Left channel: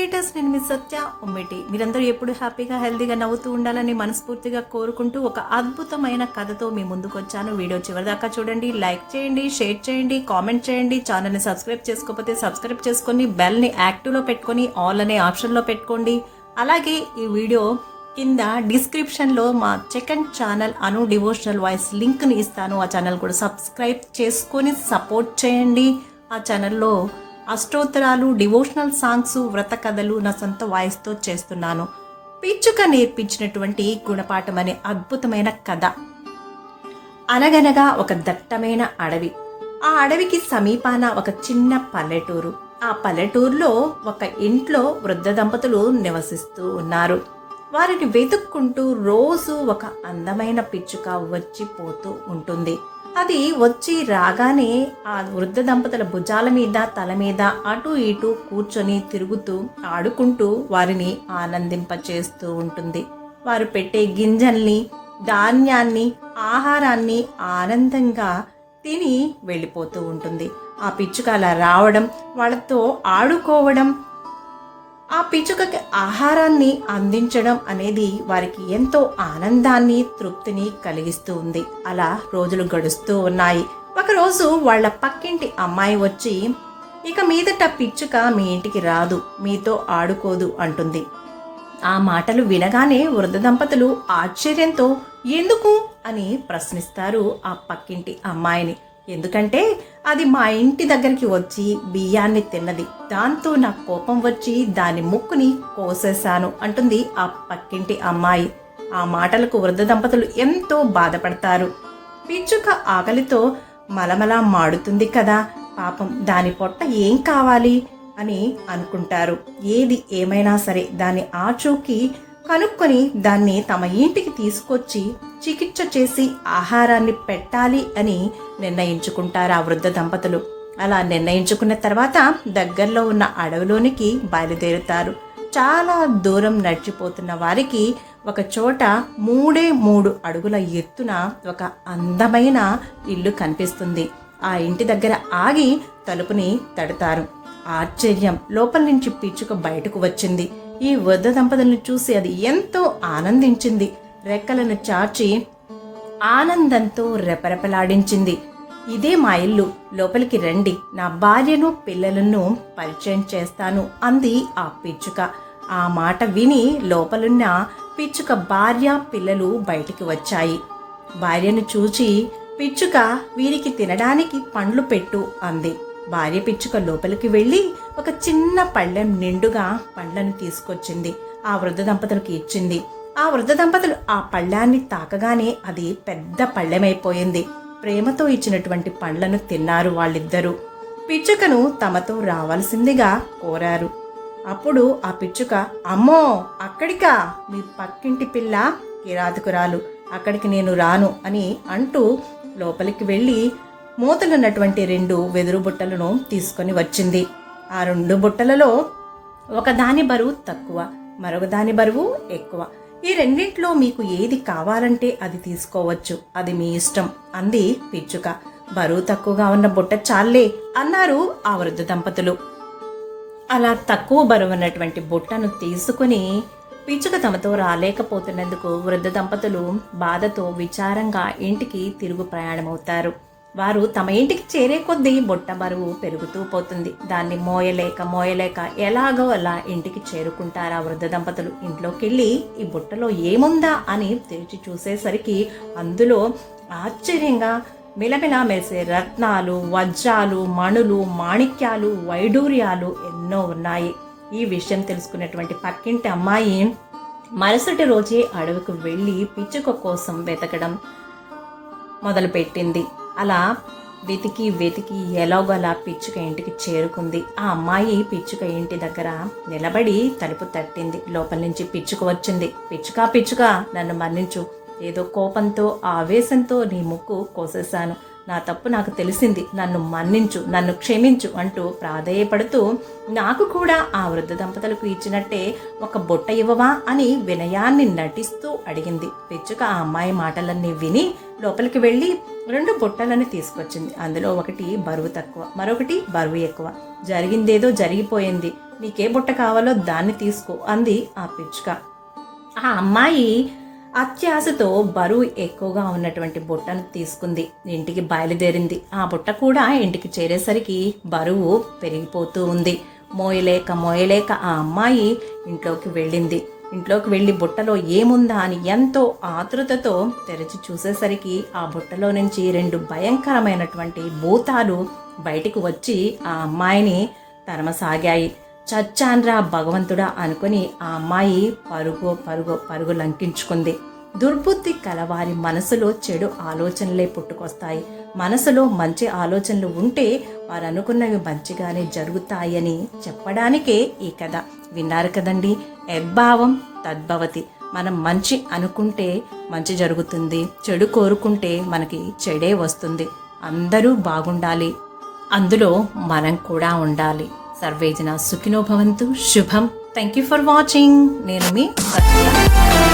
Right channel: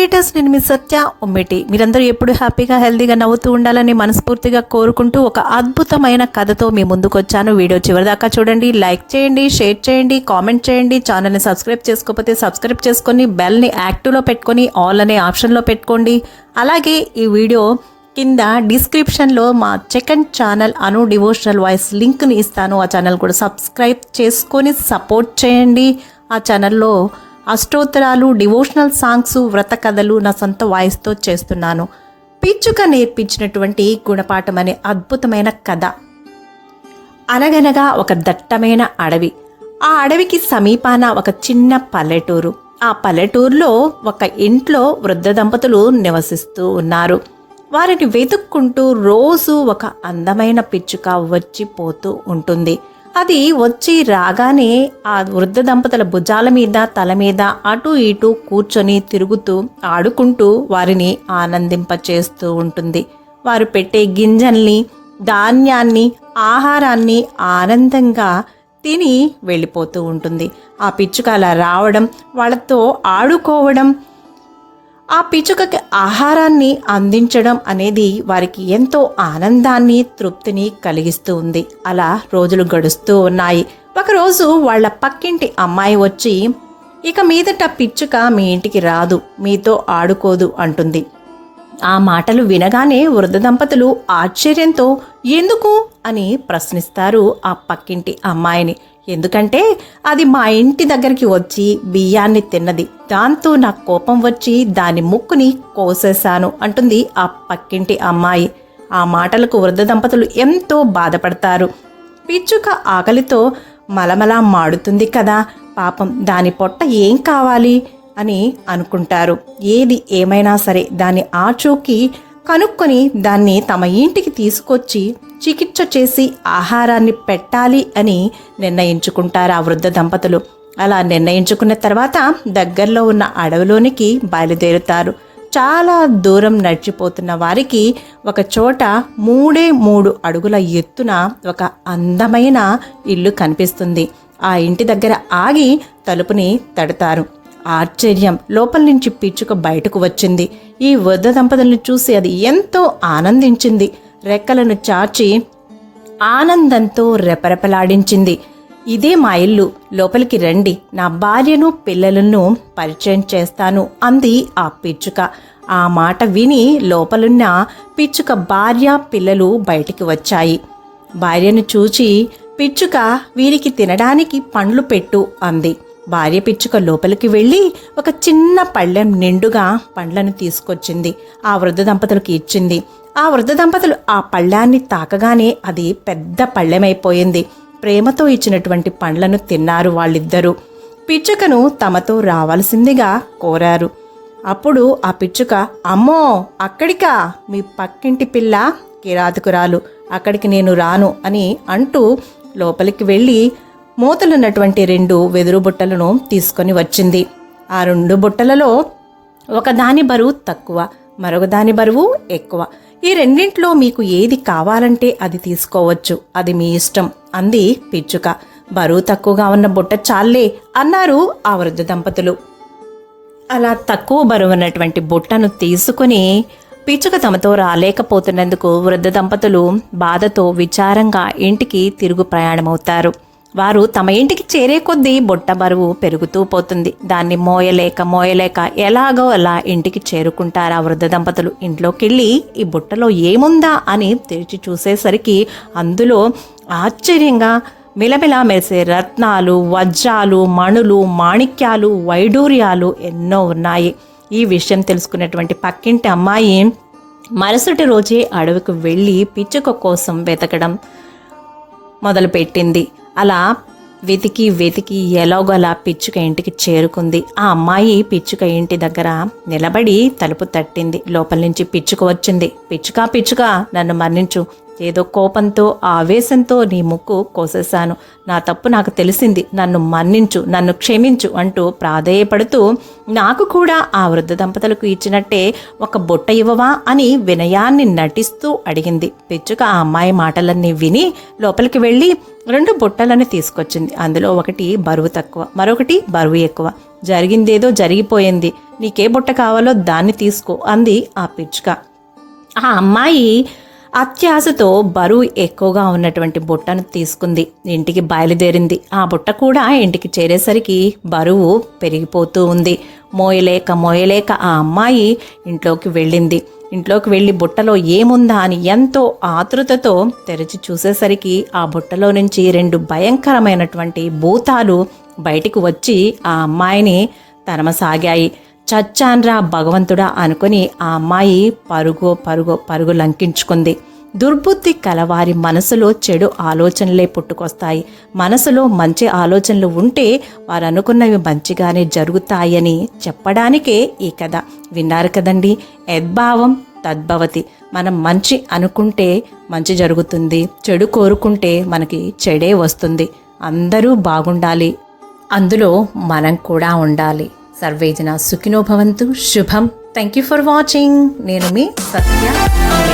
Creators, నేను మీ సత్య ఉమ్మెటి. మీరందరూ ఎప్పుడు హ్యాపీగా హెల్తీగా నవ్వుతూ ఉండాలని మనస్ఫూర్తిగా కోరుకుంటూ ఒక అద్భుతమైన కథతో మీ ముందుకు వచ్చాను. వీడియో చివరిదాకా చూడండి, లైక్ చేయండి, షేర్ చేయండి, కామెంట్ చేయండి. ఛానల్ని సబ్స్క్రైబ్ చేసుకోకపోతే సబ్స్క్రైబ్ చేసుకొని బెల్ని యాక్టివ్లో పెట్టుకొని ఆల్ అనే ఆప్షన్లో పెట్టుకోండి. అలాగే ఈ వీడియో కింద డిస్క్రిప్షన్లో మా సెకండ్ ఛానల్ అను డివోషనల్ వాయిస్ లింక్ని ఇస్తాను. ఆ ఛానల్ కూడా సబ్స్క్రైబ్ చేసుకొని సపోర్ట్ చేయండి. ఆ ఛానల్లో అష్టోత్తరాలు, డివోషనల్ సాంగ్స్, వ్రత కథలు నా సొంత వాయిస్తో చేస్తున్నాను. పిచ్చుక నేర్పించినటువంటి గుణపాఠం అనే అద్భుతమైన కథ. అనగనగా ఒక దట్టమైన అడవి. ఆ అడవికి సమీపాన ఒక చిన్న పల్లెటూరు. ఆ పల్లెటూరులో ఒక ఇంట్లో వృద్ధ దంపతులు నివసిస్తూ ఉన్నారు. వారిని వెతుక్కుంటూ రోజు ఒక అందమైన పిచ్చుక వచ్చి పోతూ ఉంటుంది. అది వచ్చి రాగానే ఆ వృద్ధ దంపతుల భుజాల మీద, తల మీద అటు ఇటు కూర్చొని తిరుగుతూ ఆడుకుంటూ వారిని ఆనందింపచేస్తూ ఉంటుంది. వారు పెట్టే గింజల్ని, ధాన్యాన్ని, ఆహారాన్ని ఆనందంగా తిని వెళ్ళిపోతూ ఉంటుంది. ఆ పిచ్చుక అలా రావడం, వాళ్ళతో ఆడుకోవడం, ఆ పిచ్చుకకి ఆహారాన్ని అందించడం అనేది వారికి ఎంతో ఆనందాన్ని, తృప్తిని కలిగిస్తూ ఉంది. అలా రోజులు గడుస్తూ ఉన్నాయి. ఒకరోజు వాళ్ళ పక్కింటి అమ్మాయి వచ్చి, ఇక మీదట పిచ్చుక మీ ఇంటికి రాదు, మీతో ఆడుకోదు అంటుంది. ఆ మాటలు వినగానే వృద్ధ దంపతులు ఆశ్చర్యంతో ఎందుకు అని ప్రశ్నిస్తారు ఆ పక్కింటి అమ్మాయిని. ఎందుకంటే అది మా ఇంటి దగ్గరికి వచ్చి బియ్యాన్ని తిన్నది, దాంతో నాకు కోపం వచ్చి దాని ముక్కుని కోసేశాను అంటుంది ఆ పక్కింటి అమ్మాయి. ఆ మాటలకు వృద్ధ దంపతులు ఎంతో బాధపడతారు. పిచ్చుక ఆకలితో మలమలా మాడుతుంది కదా, పాపం దాని పొట్ట ఏం కావాలి అని అనుకుంటారు. ఏది ఏమైనా సరే దాన్ని ఆచూకీ కనుక్కొని దాన్ని తమ ఇంటికి తీసుకొచ్చి చికిత్స చేసి ఆహారాన్ని పెట్టాలి అని నిర్ణయించుకుంటారు ఆ వృద్ధ దంపతులు. అలా నిర్ణయించుకున్న తర్వాత దగ్గరలో ఉన్న అడవిలోనికి బయలుదేరుతారు. చాలా దూరం నడిచిపోతున్న వారికి ఒక చోట 3 అడుగుల ఎత్తున ఒక అందమైన ఇల్లు కనిపిస్తుంది. ఆ ఇంటి దగ్గర ఆగి తలుపుని తడతారు. ఆశ్చర్యం, లోపల నుంచి పిచ్చుక బయటకు వచ్చింది. ఈ వృద్ధ దంపతులను చూసి అది ఎంతో ఆనందించింది. రెక్కలను చాచి ఆనందంతో రెపరెపలాడించింది. ఇదే మా ఇల్లు, లోపలికి రండి, నా భార్యను పిల్లలను పరిచయం చేస్తాను అంది ఆ పిచ్చుక. ఆ మాట విని లోపలున్న పిచ్చుక భార్య, పిల్లలు బయటికి వచ్చాయి. భార్యను చూచి పిచ్చుక, వీరికి తినడానికి పండ్లు పెట్టు అంది. భార్య పిచ్చుక లోపలికి వెళ్ళి ఒక చిన్న పళ్ళెం నిండుగా పండ్లను తీసుకొచ్చింది. ఆ వృద్ధ దంపతులకు ఇచ్చింది. ఆ వృద్ధ దంపతులు ఆ పళ్ళాన్ని తాకగానే అది పెద్ద పళ్ళెమైపోయింది. ప్రేమతో ఇచ్చినటువంటి పండ్లను తిన్నారు వాళ్ళిద్దరూ. పిచ్చుకను తమతో రావాల్సిందిగా కోరారు. అప్పుడు ఆ పిచ్చుక, అమ్మో అక్కడికా, మీ పక్కింటి పిల్ల కిరాతకురాలు, అక్కడికి నేను రాను అని అంటూ లోపలికి వెళ్ళి మూతలున్నటువంటి 2 వెదురు బుట్టలను తీసుకొని వచ్చింది. ఆ 2 బుట్టలలో ఒకదాని బరువు తక్కువ, మరొక దాని బరువు ఎక్కువ. ఈ రెండింట్లో మీకు ఏది కావాలంటే అది తీసుకోవచ్చు, అది మీ ఇష్టం అంది పిచ్చుక. బరువు తక్కువగా ఉన్న బుట్ట చాలే అన్నారు ఆ వృద్ధ దంపతులు. అలా తక్కువ బరువు ఉన్నటువంటి బుట్టను తీసుకుని పిచ్చుక తమతో రాలేకపోతున్నందుకు వృద్ధ దంపతులు బాధతో విచారంగా ఇంటికి తిరుగు ప్రయాణమవుతారు. వారు తమ ఇంటికి చేరే కొద్దీ బుట్ట బరువు పెరుగుతూ పోతుంది. దాన్ని మోయలేక ఎలాగో అలా ఇంటికి చేరుకుంటారు ఆ వృద్ధ దంపతులు. ఇంట్లోకి వెళ్ళి ఈ బుట్టలో ఏముందా అని తెరిచి చూసేసరికి అందులో ఆశ్చర్యంగా మిలమిలా మెరిసే రత్నాలు, వజ్రాలు, మణులు, మాణిక్యాలు, వైడూర్యాలు ఎన్నో ఉన్నాయి. ఈ విషయం తెలుసుకున్నటువంటి పక్కింటి అమ్మాయి మరుసటి రోజే అడవికి వెళ్ళి పిచ్చుక కోసం వెతకడం మొదలుపెట్టింది. అలా వెతికి ఎలాగోలా పిచ్చుక ఇంటికి చేరుకుంది. ఆ అమ్మాయి పిచ్చుక ఇంటి దగ్గర నిలబడి తలుపు తట్టింది. లోపల నుంచి పిచ్చుక వచ్చింది. పిచ్చుక నన్ను మన్నించు, ఏదో కోపంతో ఆవేశంతో నీ ముక్కు కోసేశాను, నా తప్పు నాకు తెలిసింది, నన్ను మన్నించు, నన్ను క్షమించు అంటూ ప్రాధేయపడుతూ నాకు కూడా ఆ వృద్ధ దంపతులకు ఇచ్చినట్టే ఒక బుట్ట ఇవ్వవా అని వినయాన్ని నటిస్తూ అడిగింది. పిచ్చుక ఆ అమ్మాయి మాటలన్నీ విని లోపలికి వెళ్ళి 2 బుట్టలను తీసుకొచ్చింది. అందులో ఒకటి బరువు తక్కువ, మరొకటి బరువు ఎక్కువ. జరిగిందేదో జరిగిపోయింది, నీకే బుట్ట కావాలో దాన్ని తీసుకో అంది ఆ పిచ్చుక. ఆ అమ్మాయి అత్యాశతో బరువు ఎక్కువగా ఉన్నటువంటి బుట్టను తీసుకుంది, ఇంటికి బయలుదేరింది. ఆ బుట్ట కూడా ఇంటికి చేరేసరికి బరువు పెరిగిపోతూ ఉంది. మోయలేక ఆ అమ్మాయి ఇంట్లోకి వెళ్ళింది. ఇంట్లోకి వెళ్ళి బుట్టలో ఏముందా అని ఎంతో ఆతృతతో తెరిచి చూసేసరికి ఆ బుట్టలో నుంచి 2 భయంకరమైనటువంటి భూతాలు బయటికి వచ్చి ఆ అమ్మాయిని తరమసాగాయి. చచ్చాన్రా భగవంతుడా అనుకుని ఆ అమ్మాయి పరుగు లంకించుకుంది. దుర్బుద్ధి కలవారి మనసులో చెడు ఆలోచనలే పుట్టుకొస్తాయి. మనసులో మంచి ఆలోచనలు ఉంటే వారు అనుకున్నవి మంచిగానే జరుగుతాయని చెప్పడానికే ఈ కథ. విన్నారు కదండి, యద్భావం తద్భవతి. మనం మంచి అనుకుంటే మంచి జరుగుతుంది, చెడు కోరుకుంటే మనకి చెడే వస్తుంది. అందరూ బాగుండాలి, అందులో మనం కూడా ఉండాలి. సర్వేజన సుఖినో భవంతు. శుభం. Thank you for watching. నేను మీ సత్య.